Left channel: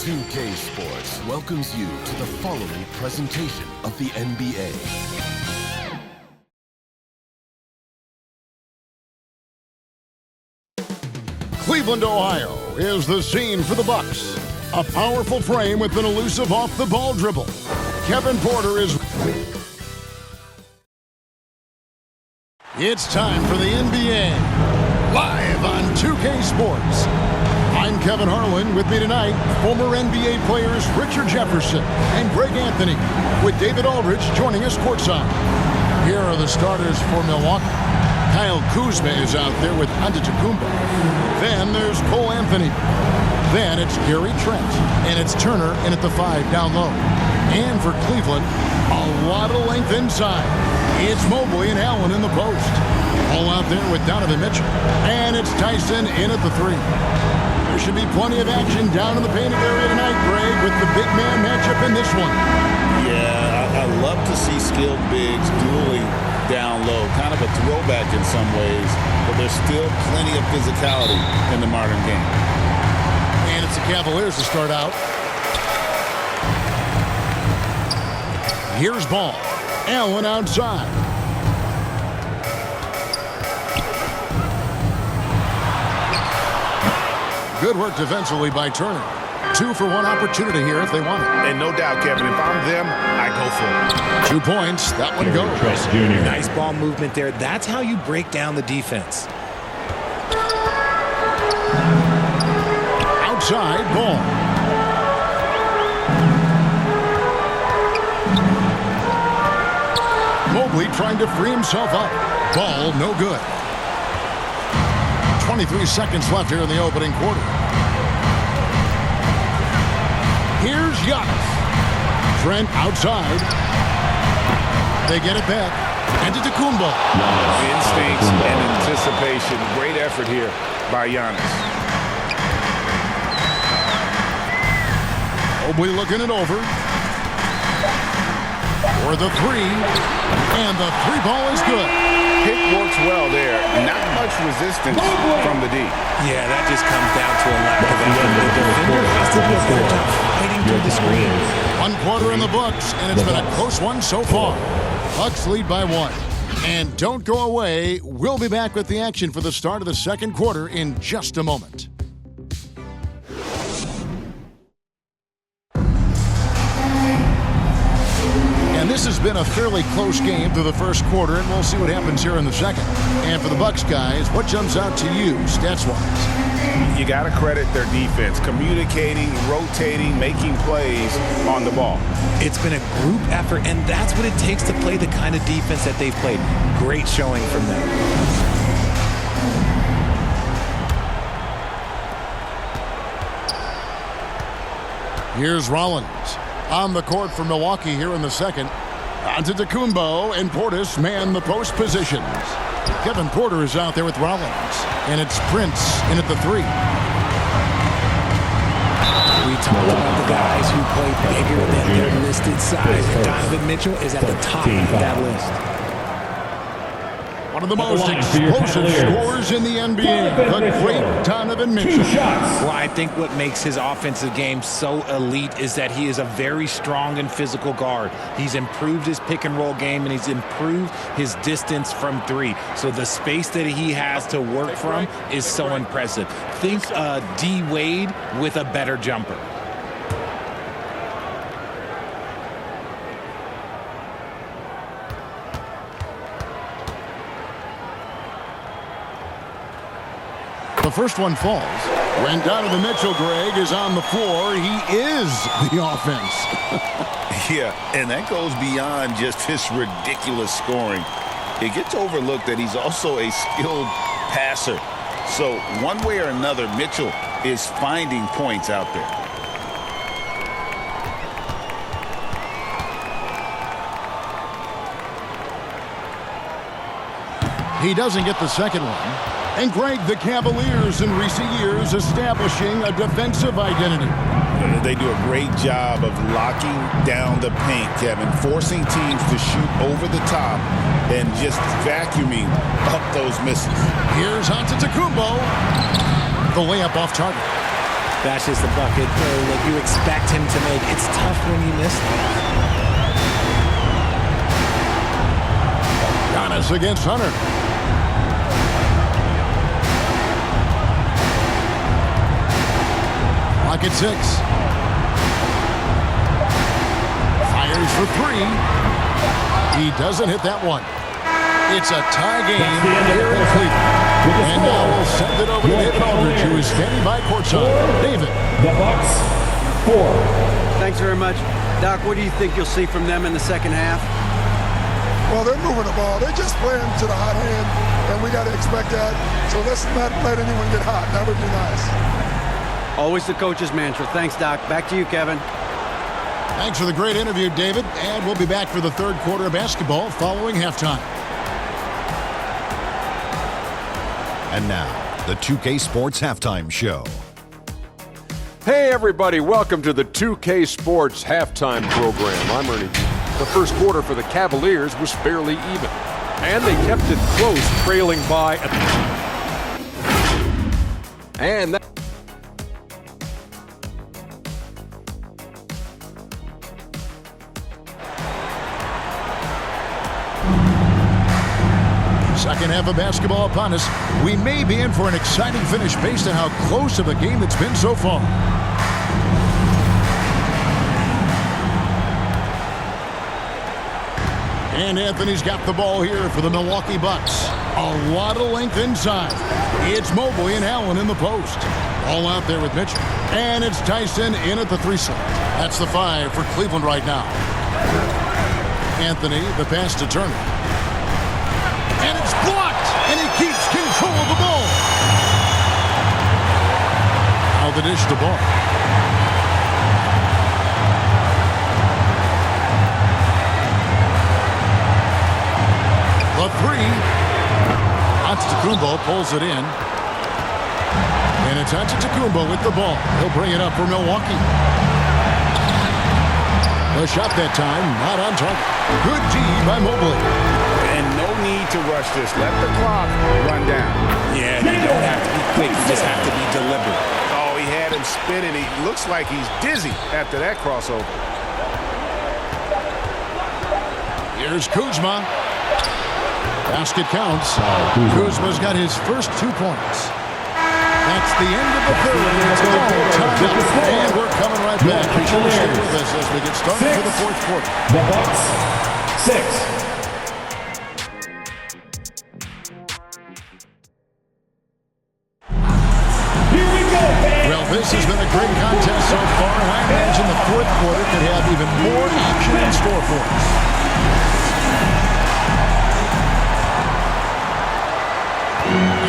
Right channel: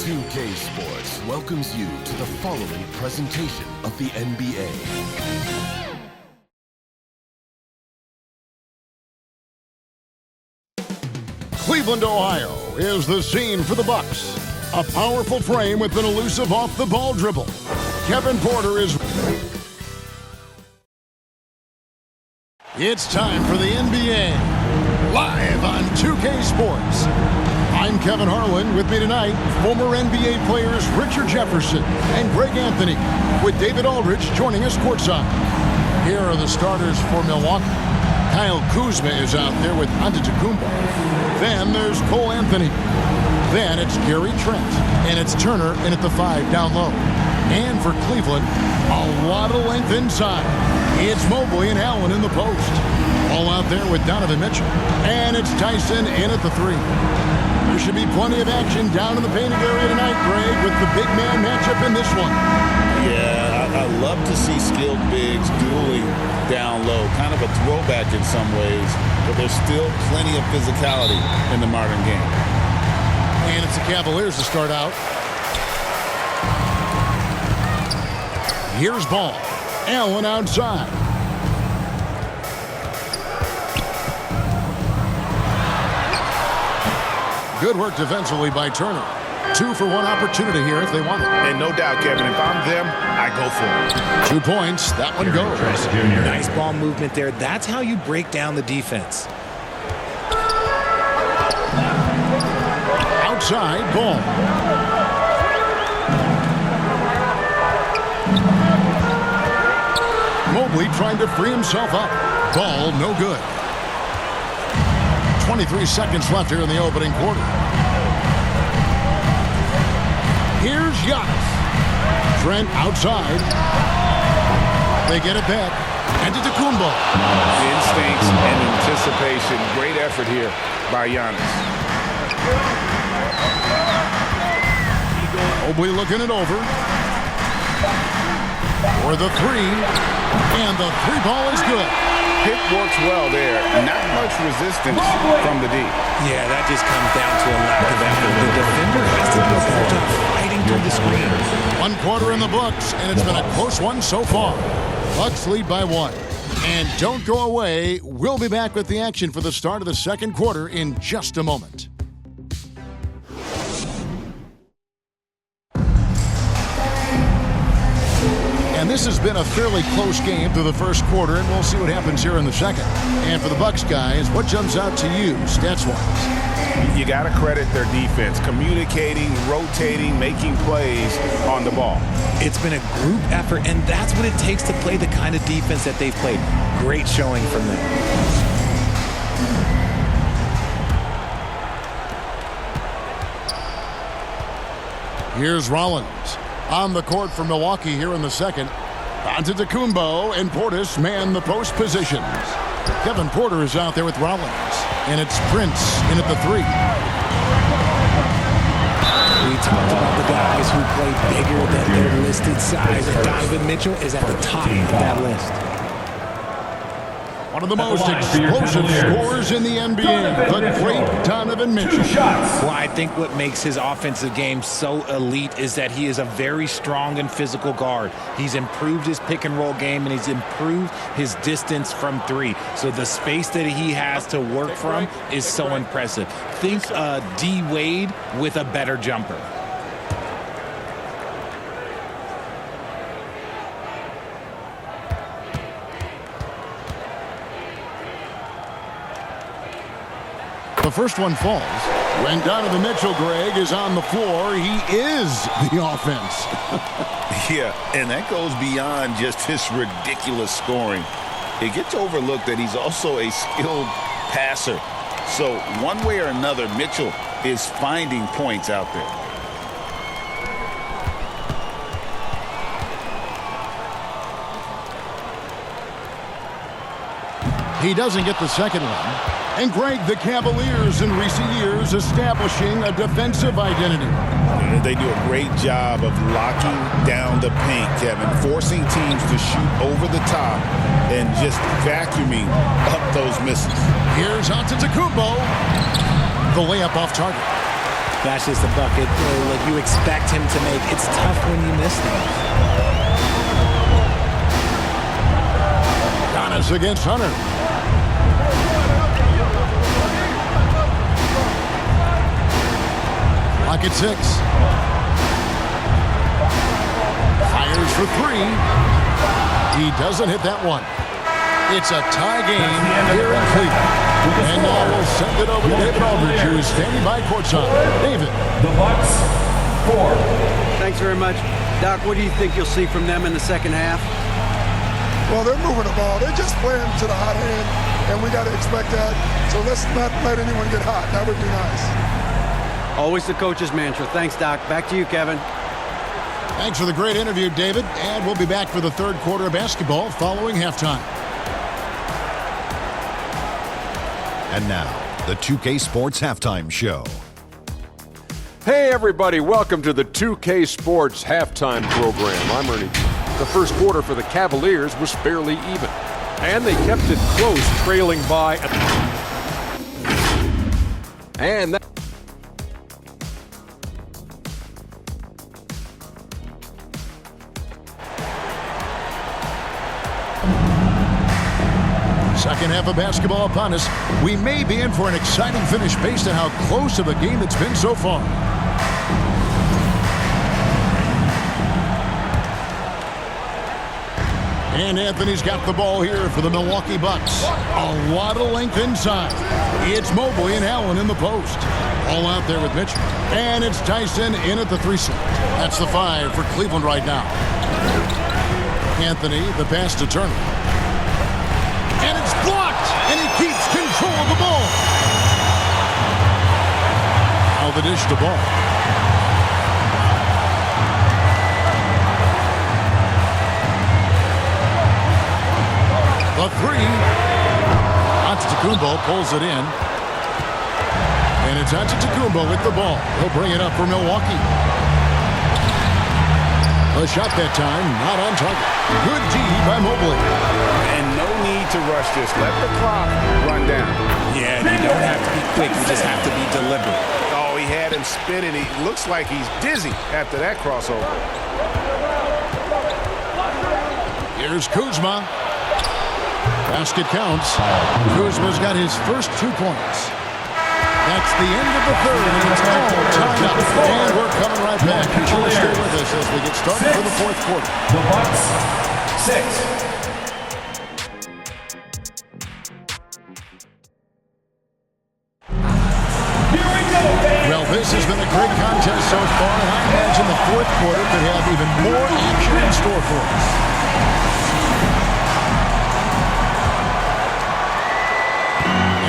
2K Sports welcomes you to the following presentation of the NBA. Cleveland, Ohio is the scene for the Bucks. A powerful frame with an elusive off-the-ball dribble. Kevin Porter is... It's time for the NBA, live on 2K Sports. I'm Kevin Harlan. With me tonight, former NBA players Richard Jefferson and Greg Anthony, with David Aldridge joining us courtside. Here are the starters for Milwaukee. Kyle Kuzma is out there with Antetokounmpo. Then there's Cole Anthony. Then it's Gary Trent. And it's Turner in at the 5 down low. And for Cleveland, a lot of length inside. It's Mobley and Allen in the post. All out there with Donovan Mitchell. And it's Tyson in at the 3. There should be plenty of action down in the painting area tonight, Greg, with the big man matchup in this one. Yeah, I love to see skilled bigs dueling down low. Kind of a throwback in some ways, but there's still plenty of physicality in the modern game. And it's the Cavaliers to start out. Here's ball. Allen outside. Good work defensively by Turner. 2 for 1 opportunity here if they want it. And no doubt, Kevin, if I'm them, I go for it. 2 points. That one goes. Nice ball movement there. That's how you break down the defense. Outside ball. Mobley trying to free himself up. Ball no good. 23 seconds left here in the opening quarter. Here's Giannis. Trent outside. They get it back. Antetokounmpo. Instincts and anticipation. Great effort here by Giannis. Mobley looking it over. For the 3. And the 3 ball is good. Pick works well there. Not much resistance from the D. Yeah, that just comes down to a lack of effort. The defender has to do a better job fighting through the screen. 1 quarter in the books, and it's been a close one so far. Bucks lead by 1. And don't go away. We'll be back with the action for the start of the second quarter in just a moment. And this has been a fairly close game through the first quarter, and we'll see what happens here in the second. And for the Bucks guys, what jumps out to you stats-wise? You got to credit their defense, communicating, rotating, making plays on the ball. It's been a group effort, and that's what it takes to play the kind of defense that they've played. Great showing from them. Here's Rollins. On the court for Milwaukee here in the second. Antetokounmpo and Portis man the post positions. Kevin Porter is out there with Rollins. And it's Prince in at the 3. We talked about the guys who play bigger than their listed size, and Donovan Mitchell is at the top of that list. One of the most explosive scorers in the NBA, the great Donovan Mitchell. Well, I think what makes his offensive game so elite is that he is a very strong and physical guard. He's improved his pick-and-roll game, and he's improved his distance from 3. So the space that he has to work from is so impressive. Think D. Wade with a better jumper. The first one falls. When Donovan Mitchell, Greg, is on the floor, he is the offense. Yeah, and that goes beyond just his ridiculous scoring. It gets overlooked that he's also a skilled passer. So one way or another, Mitchell is finding points out there. He doesn't get the second one. And Greg, the Cavaliers in recent years establishing a defensive identity. They do a great job of locking down the paint, Kevin, forcing teams to shoot over the top and just vacuuming up those misses. Here's Antetokounmpo. The layup off target. That's just a bucket like you expect him to make. It's tough when you miss those. Giannis against Hunter. Clock at 6. Fires for 3. He doesn't hit that one. It's a tie game here in Cleveland. And now we'll send it over to David Aldridge, who is standing by courtside. David. The Bucks, 4. Thanks very much. Doc, what do you think you'll see from them in the second half? Well, they're moving the ball. They're just playing to the hot hand, and we got to expect that. So let's not let anyone get hot. That would be nice. Always the coach's mantra. Thanks, Doc. Back to you, Kevin. Thanks for the great interview, David. And we'll be back for the third quarter of basketball following halftime. And now, the 2K Sports Halftime Show. Hey everybody, welcome to the 2K Sports Halftime Program. I'm Ernie. The first quarter for the Cavaliers was fairly even, and they kept it close, trailing by and that second half of basketball upon us. We may be in for an exciting finish based on how close of a game it's been so far. And Anthony's got the ball here for the Milwaukee Bucks. A lot of length inside. It's Mobley and Allen in the post. All out there with Mitchell. And it's Tyson in at the 3 slot. That's the 5 for Cleveland right now. Anthony, the pass to Turner. And it's blocked, and he keeps control of the ball. Now the dish to Ball. The 3. Antetokounmpo pulls it in. And it's Antetokounmpo with the ball. He'll bring it up for Milwaukee. The shot that time, not on target. Good D by Mobley. And no need to rush this. Let the clock run down. Yeah, you don't have to be quick. You just have to be deliberate. Oh, he had him spinning. He looks like he's dizzy after that crossover. Here's Kuzma. Basket counts. Kuzma's got his first 2 points. That's the end of the third, and it's all tied up. And we're coming right back. Be sure to stay with us as we get started for the fourth quarter. The Bucks, 6. Well, this has been a great contest so far, and I imagine the fourth quarter could have even more action in store for us.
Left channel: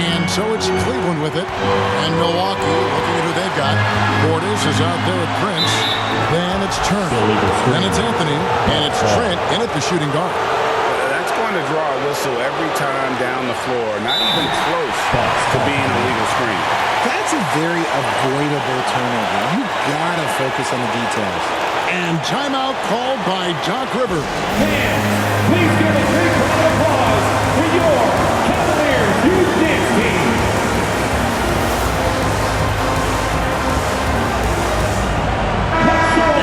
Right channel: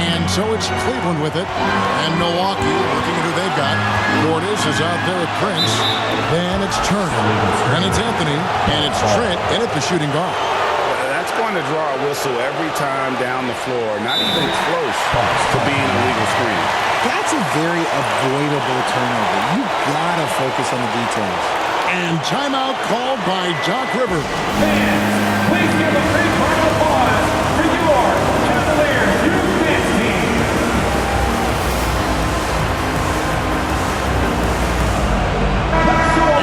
And so it's Cleveland with it, and Milwaukee looking at who they've got. Portis is out there with Prince. Then it's Turner. Then it's Anthony, and it's Trent in at the shooting guard. That's going to draw a whistle every time down the floor. Not even close to being a legal screen. That's a very avoidable turnover. You gotta focus on the details. And timeout called by Doc Rivers. Fans, please give a big round of applause for your Cavaliers Youth Dance Team.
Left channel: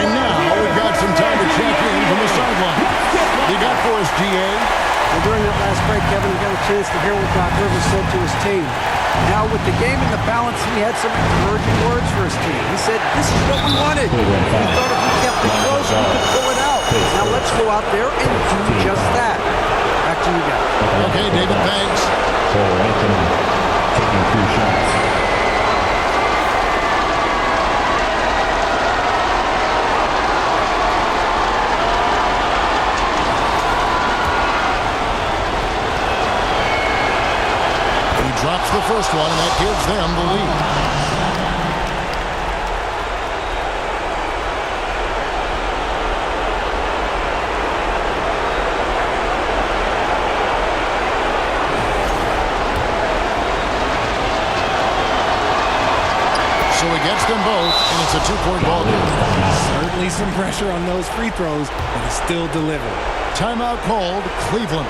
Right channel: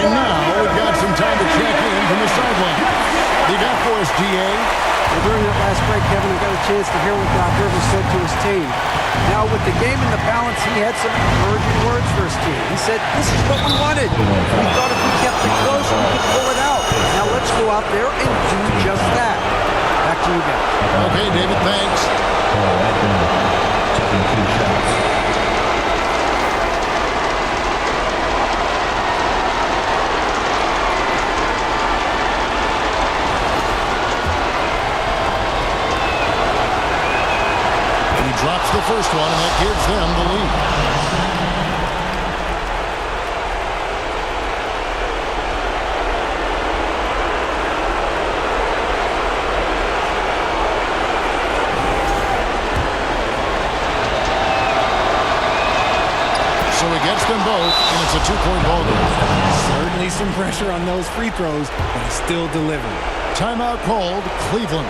And now we've got some time to check in from the sideline. You got for us, DA? Well, during that last break, Kevin, I got a chance to hear what Doc Rivers said to his team. Now, with the game in the balance, he had some encouraging words for his team. He said, this is what we wanted. We thought if we kept it close, we could pull it out. Now, let's go out there and do just that. Back to you guys. Okay, David, thanks. Anthony taking 2 shots. Drops the first one, and that gives them the lead. So he gets them both, and it's a 2-point ball game. Certainly some pressure on those free throws, but he still delivered. Timeout called Cleveland.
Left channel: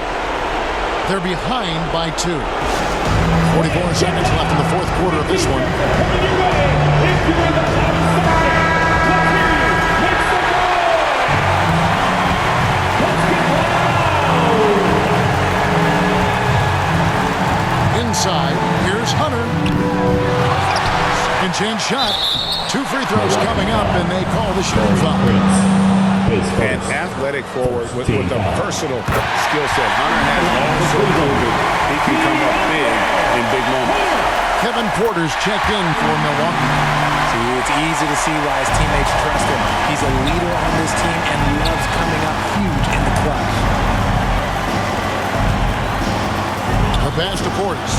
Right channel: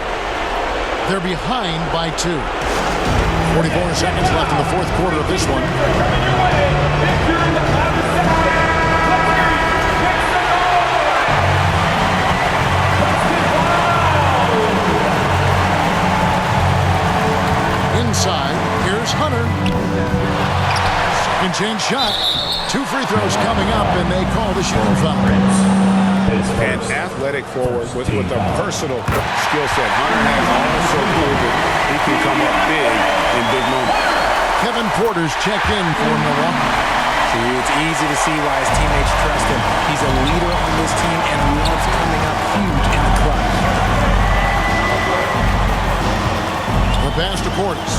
They're behind by 2. 44 seconds left in the fourth quarter of this one. Coming your way if you're in the Second chance shot. 2 free throws coming up, and they call the shooting foul. An athletic forward with a versatile skill set. Hunter has also proven he can come up big in big moments. Kevin Porter's checked in for Milwaukee. See, it's easy to see why his teammates trust him. He's a leader on this team and loves coming up huge in the clutch. The pass to Portis.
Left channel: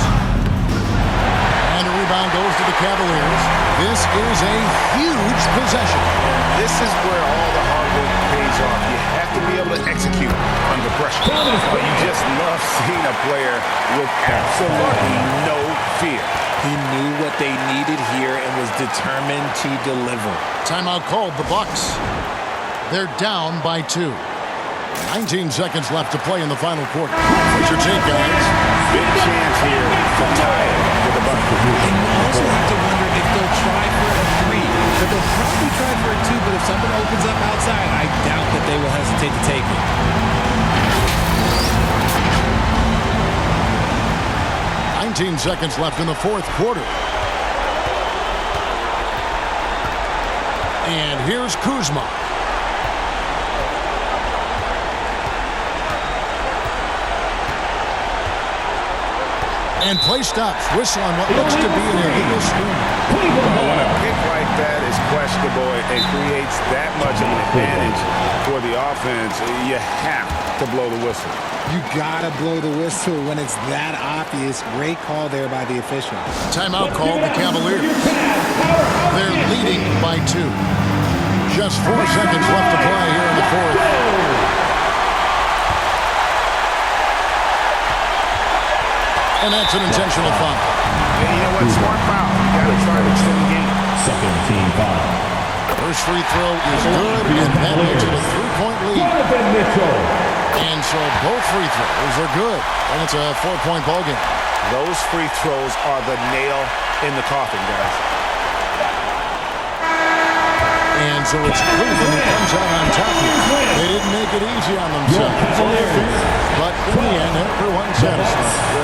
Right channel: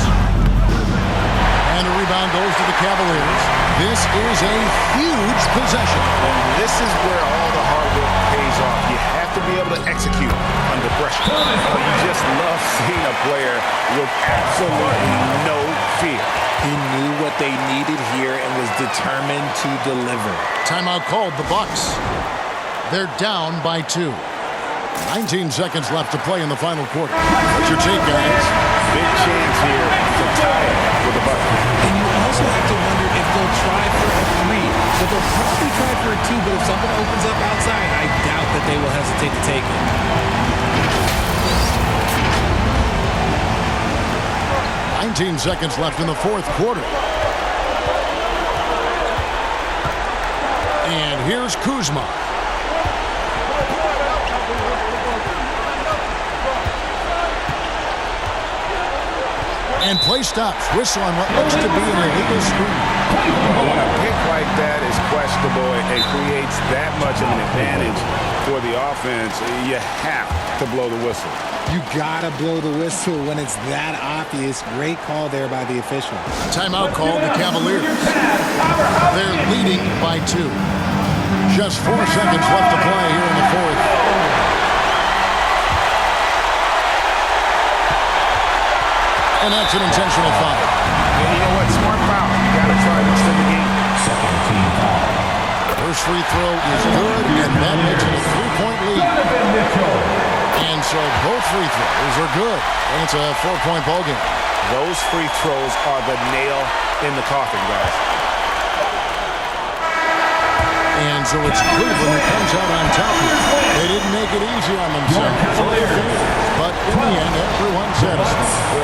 And a rebound goes to the Cavaliers. This is a huge possession. And this is where all the hard work pays off. You have to be able to execute under pressure. You just love seeing a player with absolutely no fear. He knew what they needed here and was determined to deliver. Timeout called the Bucks. They're down by 2. 19 seconds left to play in the final quarter. What's your take, guys? Big chance here to tie it with a bucket. And you also have to wonder if they'll try for a 3. But they'll probably try for a 2, but if something opens up outside, I doubt that they will hesitate to take it. "19 seconds left in the fourth quarter. And here's Kuzma. And play stops. Whistle on what looks to be an illegal screen. When a pick like that is questionable, it creates that much of an advantage for the offense. You have to blow the whistle. You gotta blow the whistle when it's that obvious. Great call there by the official. Timeout called the Cavaliers. They're leading by 2. Just 4 seconds left to play here in the fourth. And that's an intentional foul. And you know what? Smart foul. You got to try to extend the game. Second team foul. First free throw is good, and that makes it a 3-point lead. And so both free throws are good, and it's a 4-point ball game. Those free throws are the nail in the coffin, guys. And so it's Cleveland who comes out on top here. They didn't make it easy on themselves or their fans, but in the end, everyone's satisfied.